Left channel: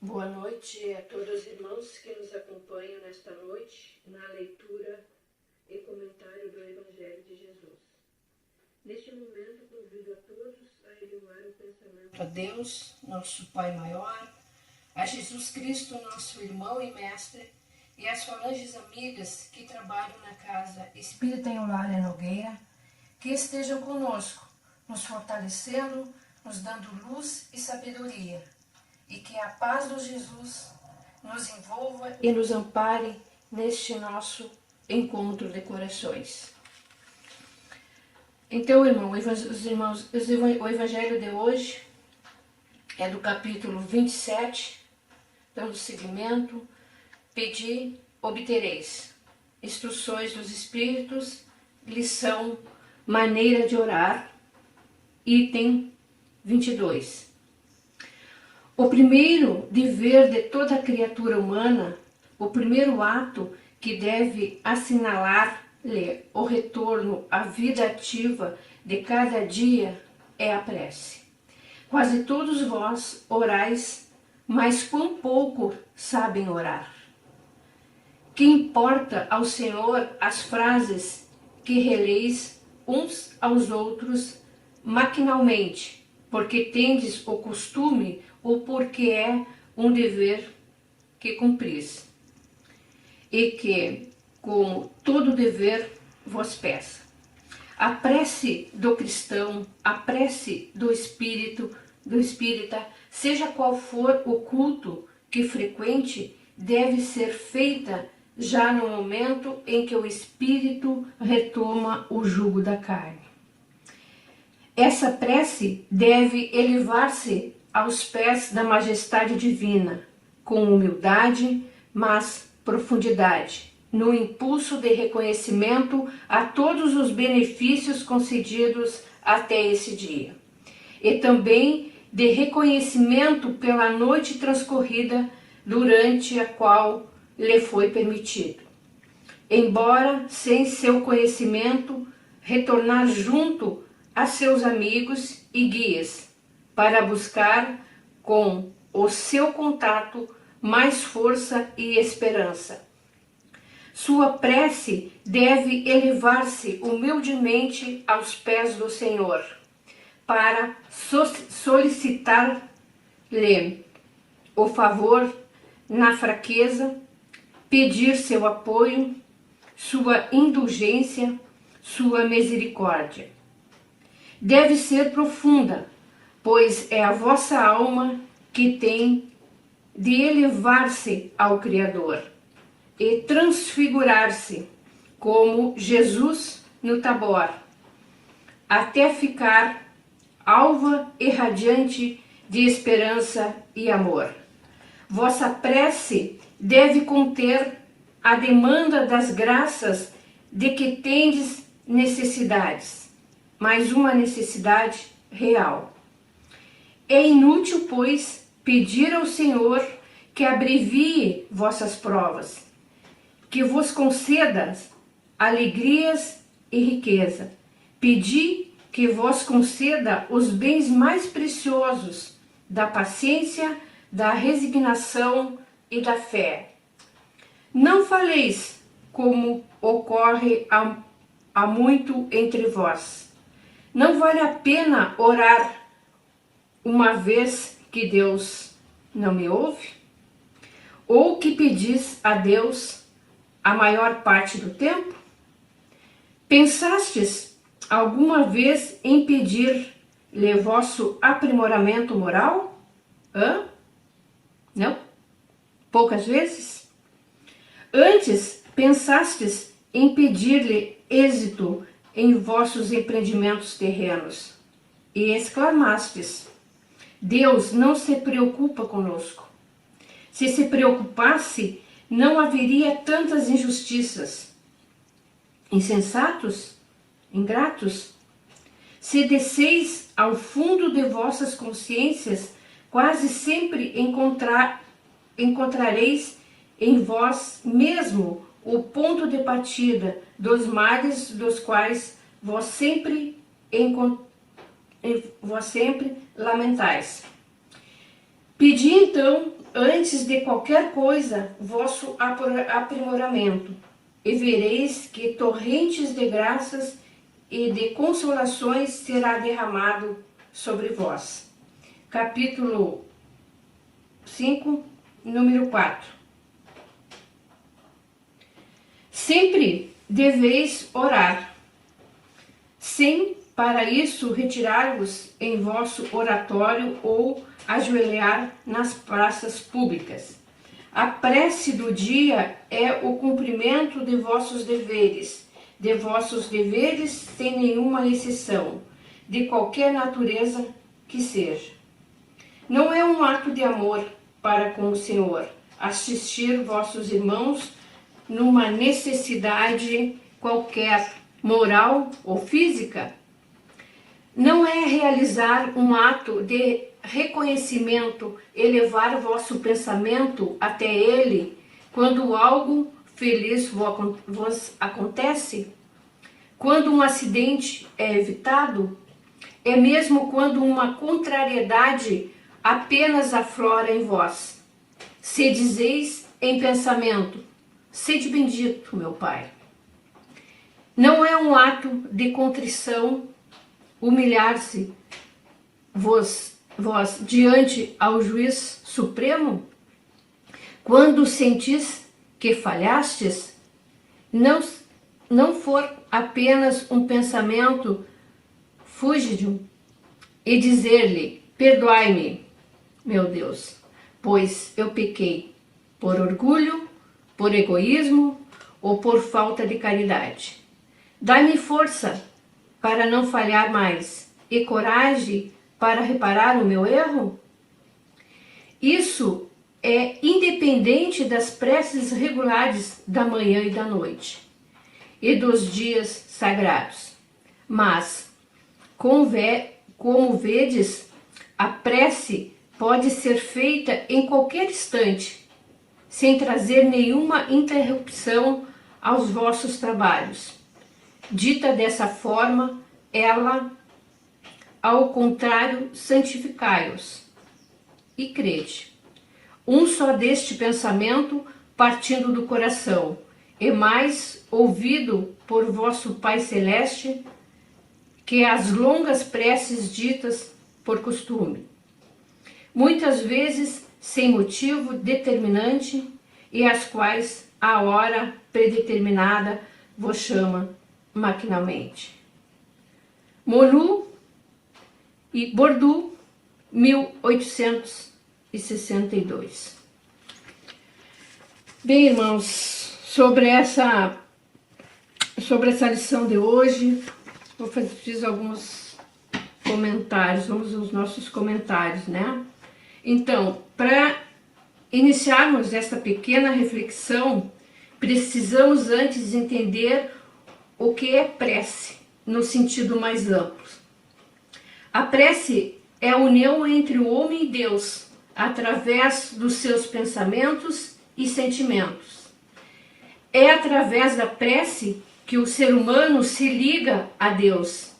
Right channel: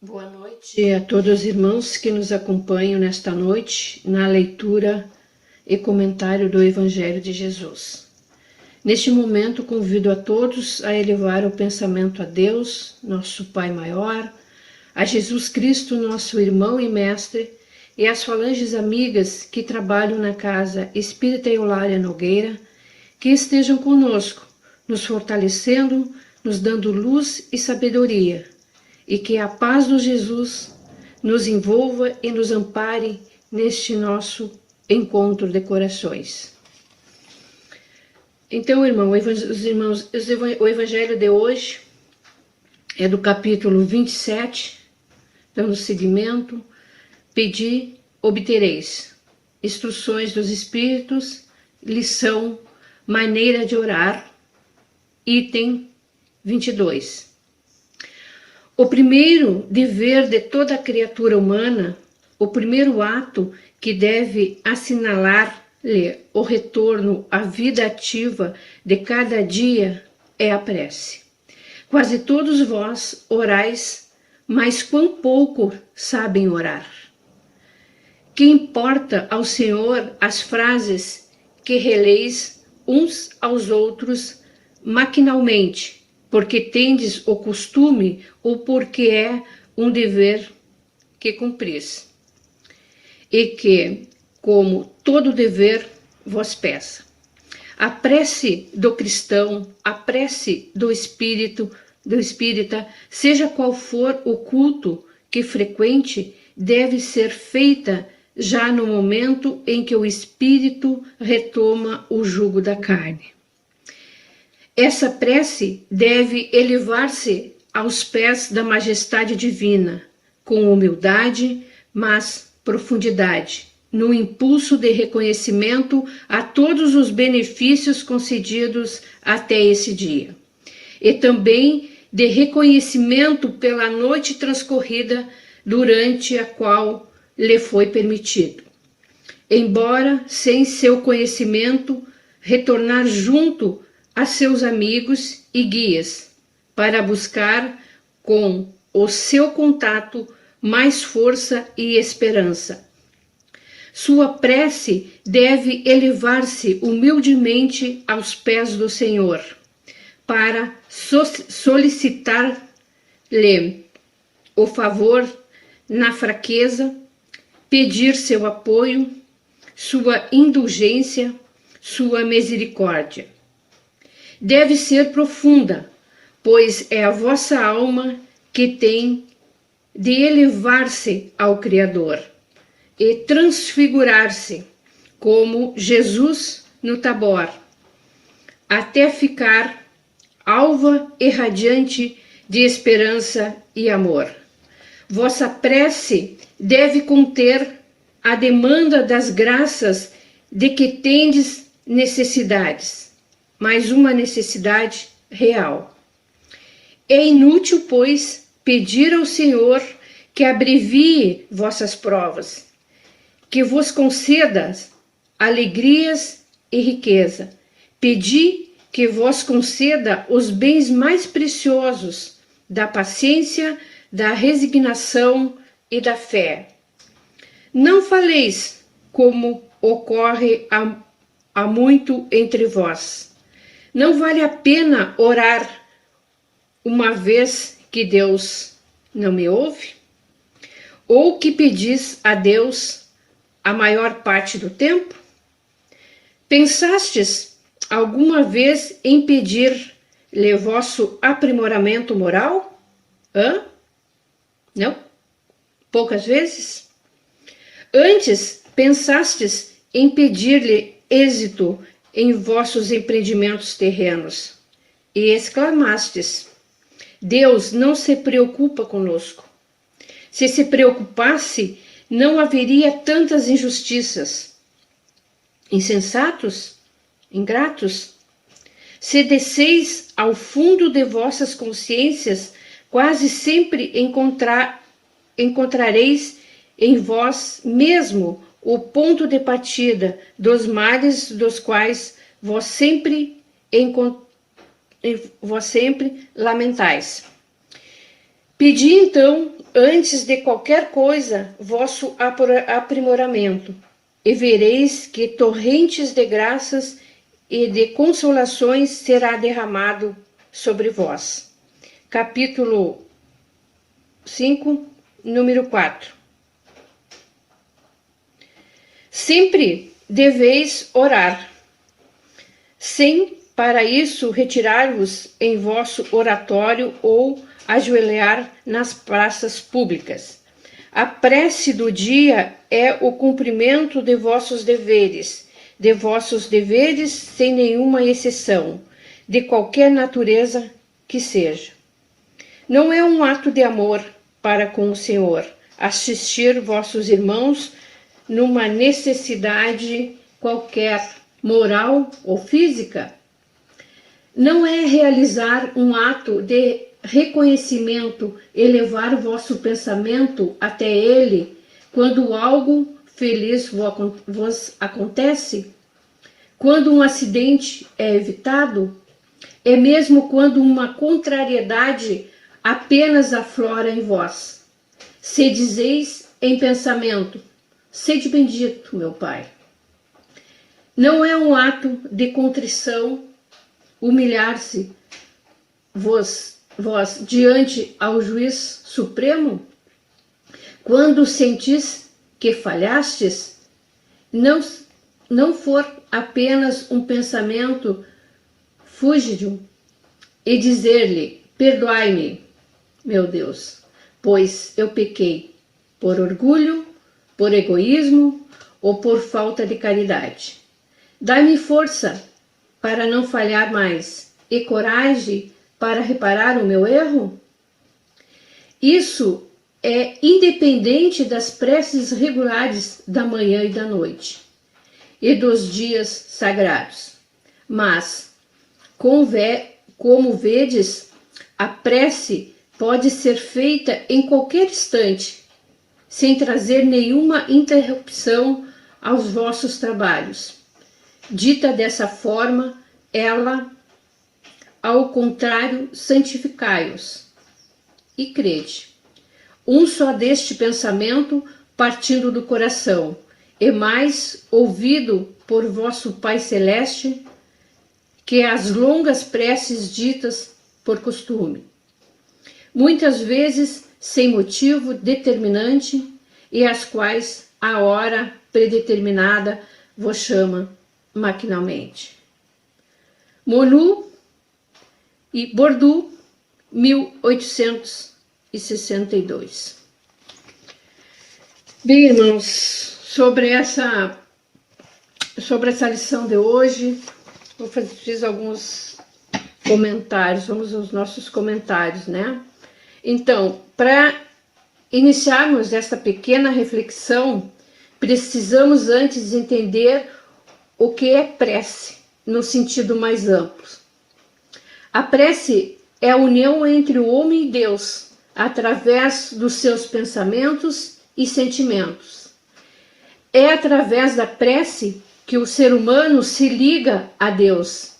Boa noite a todos os irmãos que nos acompanham nesta noite na leitura e comentário do Evangelho de Jesus. Neste momento, convido a todos a elevar o pensamento a Deus, nosso Pai maior, a Jesus Cristo, nosso irmão e mestre, e às falanges amigas que trabalham na Casa Espírita Eulália Nogueira, que estejam conosco, nos fortalecendo, nos dando luz e sabedoria, e que a paz do Jesus nos envolva e nos ampare neste nosso encontro de corações. Então, o Evangelho de hoje é do capítulo 27, dando seguimento, Pedi, obtereis. Instruções dos Espíritos, lição, maneira de orar, item 22. O primeiro dever de toda criatura humana, o primeiro ato que deve assinalar-lhe o retorno à vida ativa de cada dia é a prece. Quase todos vós orais, mas quão pouco sabem orar. Que importa ao Senhor as frases que releis uns aos outros maquinalmente, porque tendes o costume ou porque é um dever que cumpris, e que, como todo dever, vos peça. A prece do cristão, a prece do espírita, seja qual for o culto que frequente, deve ser feita já no momento em que o espírito retoma o jugo da carne. Essa prece deve elevar-se aos pés da majestade divina, com humildade, mas profundidade, no impulso de reconhecimento a todos os benefícios concedidos até esse dia, e também de reconhecimento pela noite transcorrida durante a qual lhe foi permitido, embora sem seu conhecimento, retornar junto a seus amigos e guias, para buscar com o seu contato mais força e esperança. Sua prece deve elevar-se humildemente aos pés do Senhor, para solicitar-lhe o favor na fraqueza, pedir seu apoio, sua indulgência, sua misericórdia. Deve ser profunda, pois é a vossa alma que tem de elevar-se ao Criador e transfigurar-se como Jesus no Tabor, até ficar alva e radiante de esperança e amor. Vossa prece deve conter a demanda das graças de que tendes necessidades, mas uma necessidade real. É inútil, pois, pedir ao Senhor que abrevie vossas provas, que vos conceda alegrias e riqueza. Pedi que vos conceda os bens mais preciosos da paciência, da resignação e da fé. Não faleis como ocorre há muito entre vós. Não vale a pena orar uma vez que Deus não me ouve? Ou que pedis a Deus a maior parte do tempo? Pensastes alguma vez em pedir-lhe vosso aprimoramento moral? Não? Poucas vezes? Antes pensastes em pedir-lhe êxito em vossos empreendimentos terrenos e exclamastes: Deus não se preocupa conosco. Se se preocupasse, não haveria tantas injustiças. Insensatos? Ingratos? Se desceis ao fundo de vossas consciências, quase sempre encontrareis em vós mesmo o ponto de partida dos males dos quais vós sempre lamentais. Pedi então, antes de qualquer coisa, vosso aprimoramento, e vereis que torrentes de graças e de consolações será derramado sobre vós. Capítulo 5, número 4. Sempre deveis orar, sem para isso retirar-vos em vosso oratório ou ajoelhar nas praças públicas. A prece do dia é o cumprimento de vossos deveres sem nenhuma exceção, de qualquer natureza que seja. Não é um ato de amor para com o Senhor assistir vossos irmãos numa necessidade qualquer, moral ou física. Não é realizar um ato de reconhecimento, elevar vosso pensamento até ele quando algo feliz vos acontece, quando um acidente é evitado, é mesmo quando uma contrariedade apenas aflora em vós. Se dizeis em pensamento, sede bendito, meu Pai. Não é um ato de contrição humilhar-se vós diante ao juiz supremo? Quando sentis que falhastes, não for apenas um pensamento fúgido e dizer-lhe, perdoai-me, meu Deus, pois eu pequei por orgulho, por egoísmo ou por falta de caridade. Dai-me força para não falhar mais e coragem para reparar o meu erro? Isso é independente das preces regulares da manhã e da noite e dos dias sagrados. Mas, como vedes, a prece pode ser feita em qualquer instante, sem trazer nenhuma interrupção aos vossos trabalhos. Dita dessa forma, ela, ao contrário, santificai-os e crede. Um só deste pensamento partindo do coração, e mais ouvido por vosso Pai Celeste, que as longas preces ditas por costume. Muitas vezes sem motivo determinante, e as quais a hora predeterminada vos chama maquinalmente. Molu e Bordeaux, 1862. Bem, irmãos, sobre essa lição de hoje, fiz alguns comentários, vamos aos nossos comentários, né? Então, para iniciarmos esta pequena reflexão, precisamos antes entender o que é prece, no sentido mais amplo. A prece é a união entre o homem e Deus, através dos seus pensamentos e sentimentos. É através da prece que o ser humano se liga a Deus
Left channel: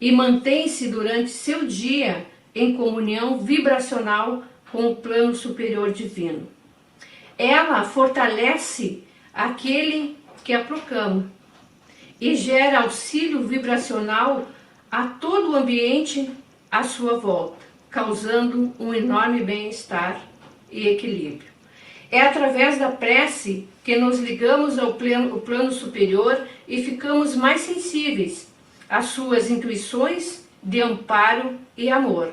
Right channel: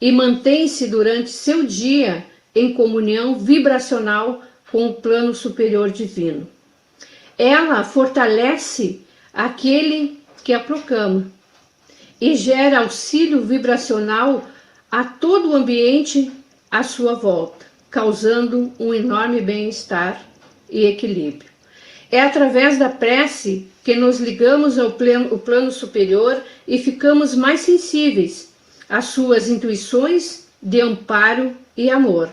e mantém-se durante seu dia em comunhão vibracional com o plano superior divino. Ela fortalece aquele que a proclama e gera auxílio vibracional a todo o ambiente à sua volta, causando um enorme bem-estar e equilíbrio. É através da prece que nos ligamos ao plano superior e ficamos mais sensíveis às suas intuições de amparo e amor.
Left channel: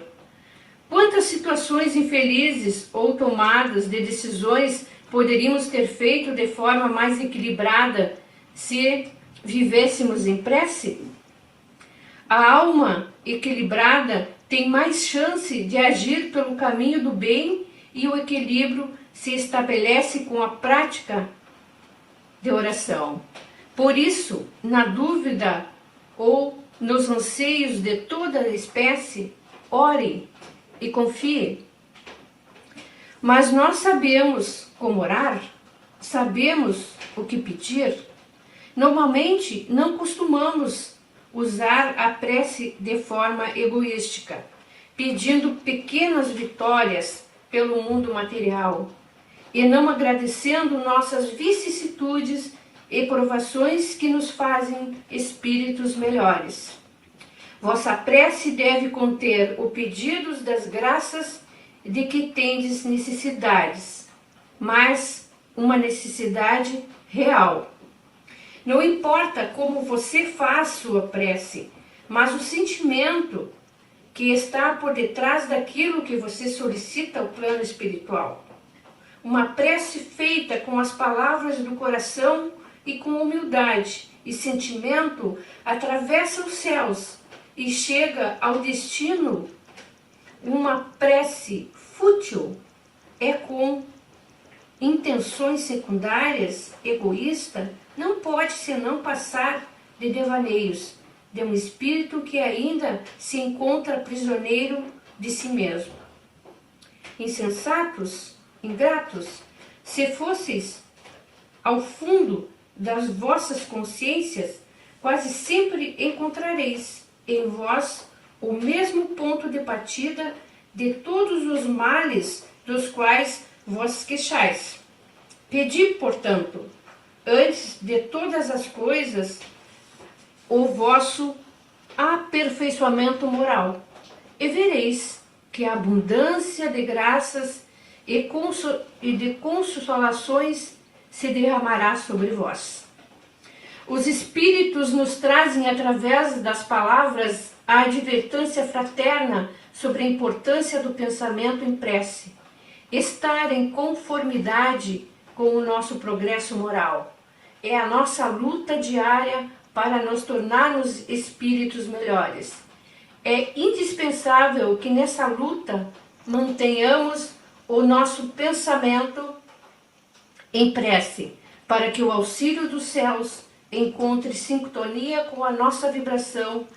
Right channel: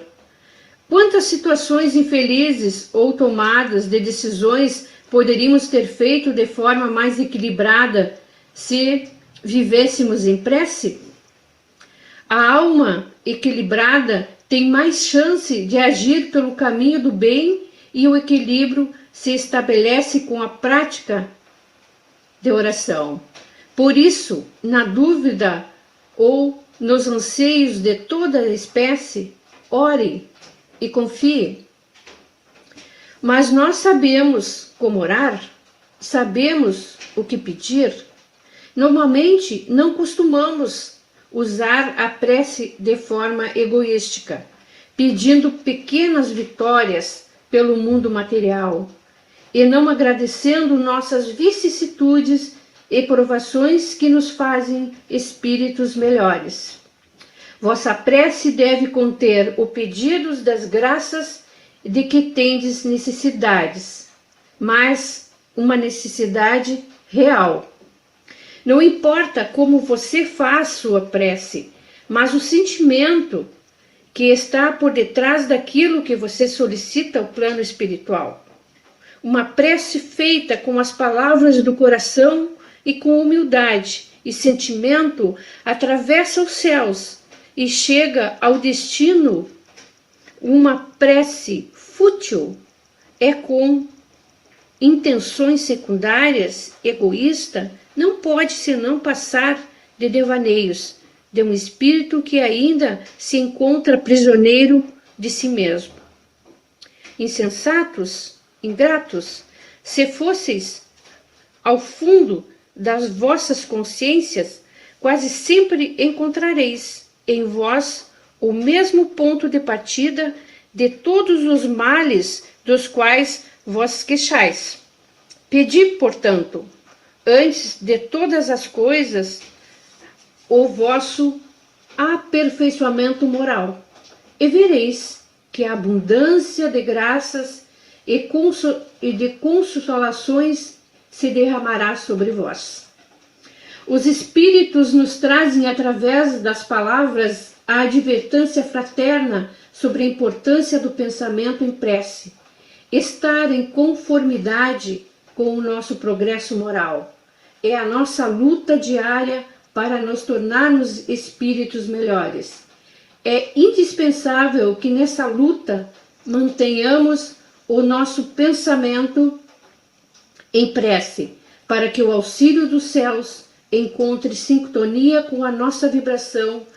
Quantas situações infelizes ou tomadas de decisões poderíamos ter feito de forma mais equilibrada se vivêssemos em prece? A alma equilibrada tem mais chance de agir pelo caminho do bem e o equilíbrio se estabelece com a prática de oração. Por isso, na dúvida ou nos anseios de toda a espécie, ore e confie. Mas nós sabemos como orar, sabemos o que pedir. Normalmente não costumamos usar a prece de forma egoística, pedindo pequenas vitórias pelo mundo material, e não agradecendo nossas vicissitudes e provações que nos fazem espíritos melhores. Vossa prece deve conter o pedido das graças de que tendes necessidades, mas uma necessidade real. Não importa como você faz sua prece, mas o sentimento que está por detrás daquilo que você solicita ao plano espiritual. Uma prece feita com as palavras do coração e com humildade e sentimento atravessa os céus e chega ao destino. Uma prece fútil é com intenções secundárias, egoísta, não pode senão passar de devaneios de um espírito que ainda se encontra prisioneiro de si mesmo. Insensatos, ingratos, se fosseis ao fundo das vossas consciências, quase sempre encontrareis em vós o mesmo ponto de partida de todos os males dos quais vos queixais. Pedi, portanto, antes de todas as coisas, o vosso aperfeiçoamento moral, e vereis que a abundância de graças e de consolações se derramará sobre vós. Os Espíritos nos trazem, através das palavras, a advertência fraterna sobre a importância do pensamento em prece, estar em conformidade com o nosso progresso moral. É a nossa luta diária para nos tornarmos espíritos melhores. É indispensável que nessa luta mantenhamos o nosso pensamento em prece, para que o auxílio dos céus encontre sintonia com a nossa vibração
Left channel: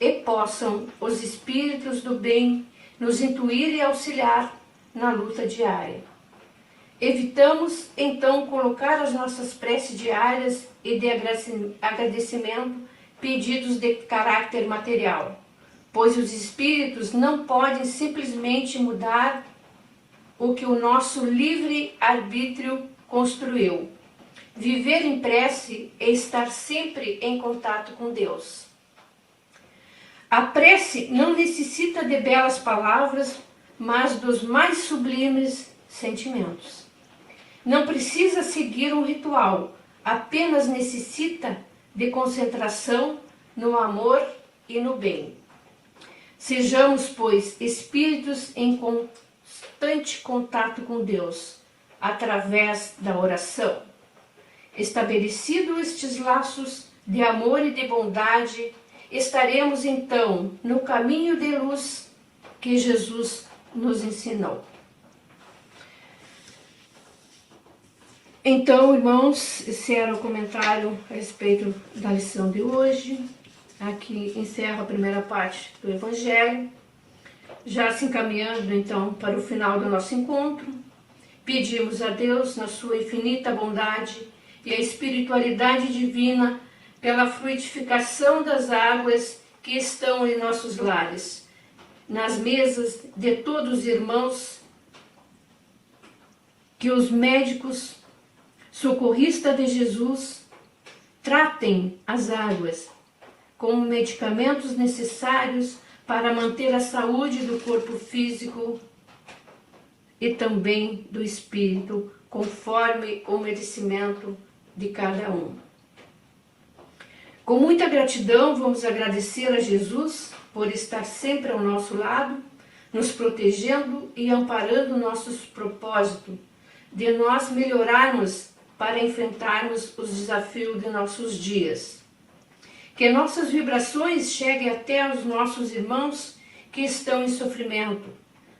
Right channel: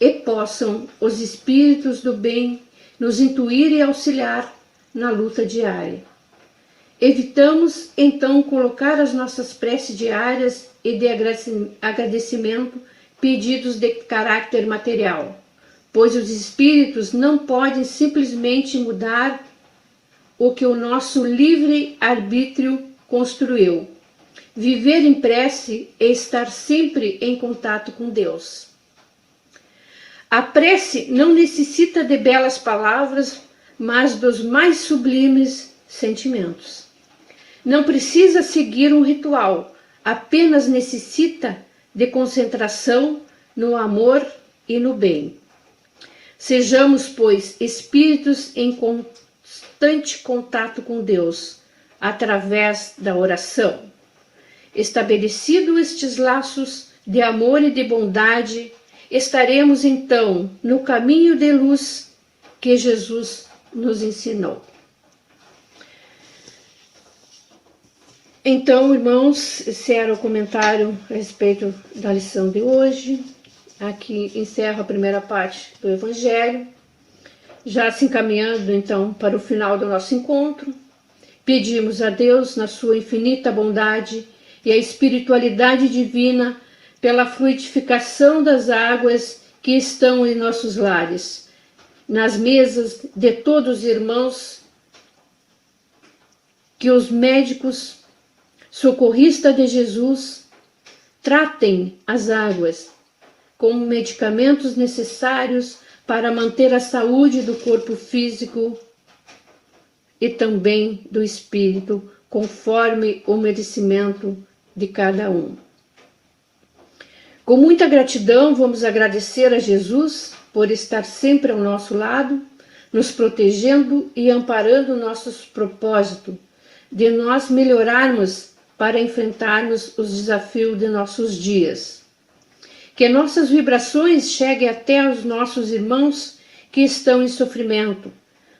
e possam os espíritos do bem nos intuir e auxiliar na luta diária. Evitamos, então, colocar as nossas preces diárias e de agradecimento pedidos de caráter material, pois os espíritos não podem simplesmente mudar o que o nosso livre-arbítrio construiu. Viver em prece é estar sempre em contato com Deus. A prece não necessita de belas palavras, mas dos mais sublimes sentimentos. Não precisa seguir um ritual, apenas necessita de concentração no amor e no bem. Sejamos, pois, espíritos em constante contato com Deus, através da oração. Estabelecidos estes laços de amor e de bondade, estaremos então no caminho de luz que Jesus nos ensinou. Então, irmãos, esse era o comentário a respeito da lição de hoje. Aqui encerro a primeira parte do Evangelho, já se encaminhando então para o final do nosso encontro. Pedimos a Deus, na sua infinita bondade e a espiritualidade divina, pela fluidificação das águas que estão em nossos lares, nas mesas de todos os irmãos, que os médicos socorristas de Jesus tratem as águas como medicamentos necessários para manter a saúde do corpo físico e também do espírito, conforme o merecimento de cada um. Com muita gratidão, vamos agradecer a Jesus por estar sempre ao nosso lado, nos protegendo e amparando nossos propósitos, de nós melhorarmos para enfrentarmos os desafios de nossos dias. Que nossas vibrações cheguem até os nossos irmãos que estão em sofrimento,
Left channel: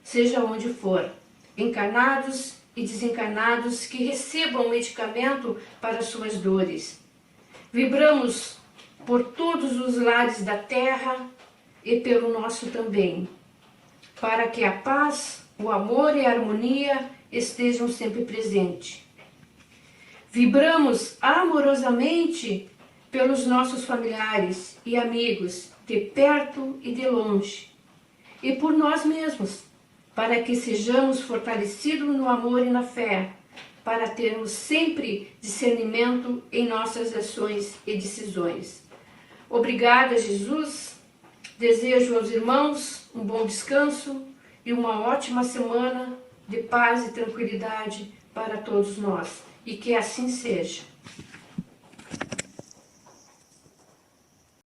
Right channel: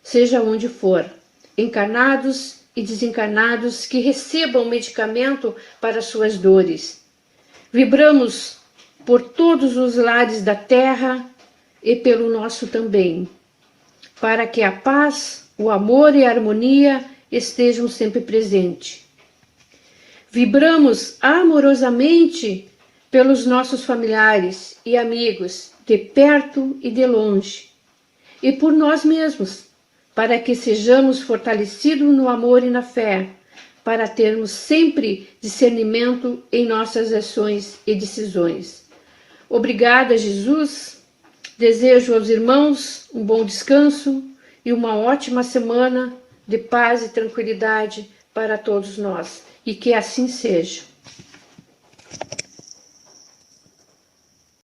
seja onde for, encarnados e desencarnados, que recebam medicamento para suas dores. Vibramos por todos os lares da terra e pelo nosso também, para que a paz, o amor e a harmonia estejam sempre presentes. Vibramos amorosamente pelos nossos familiares e amigos, de perto e de longe, e por nós mesmos, para que sejamos fortalecidos no amor e na fé, para termos sempre discernimento em nossas ações e decisões. Obrigada, Jesus. Desejo aos irmãos um bom descanso e uma ótima semana de paz e tranquilidade para todos nós. E que assim seja.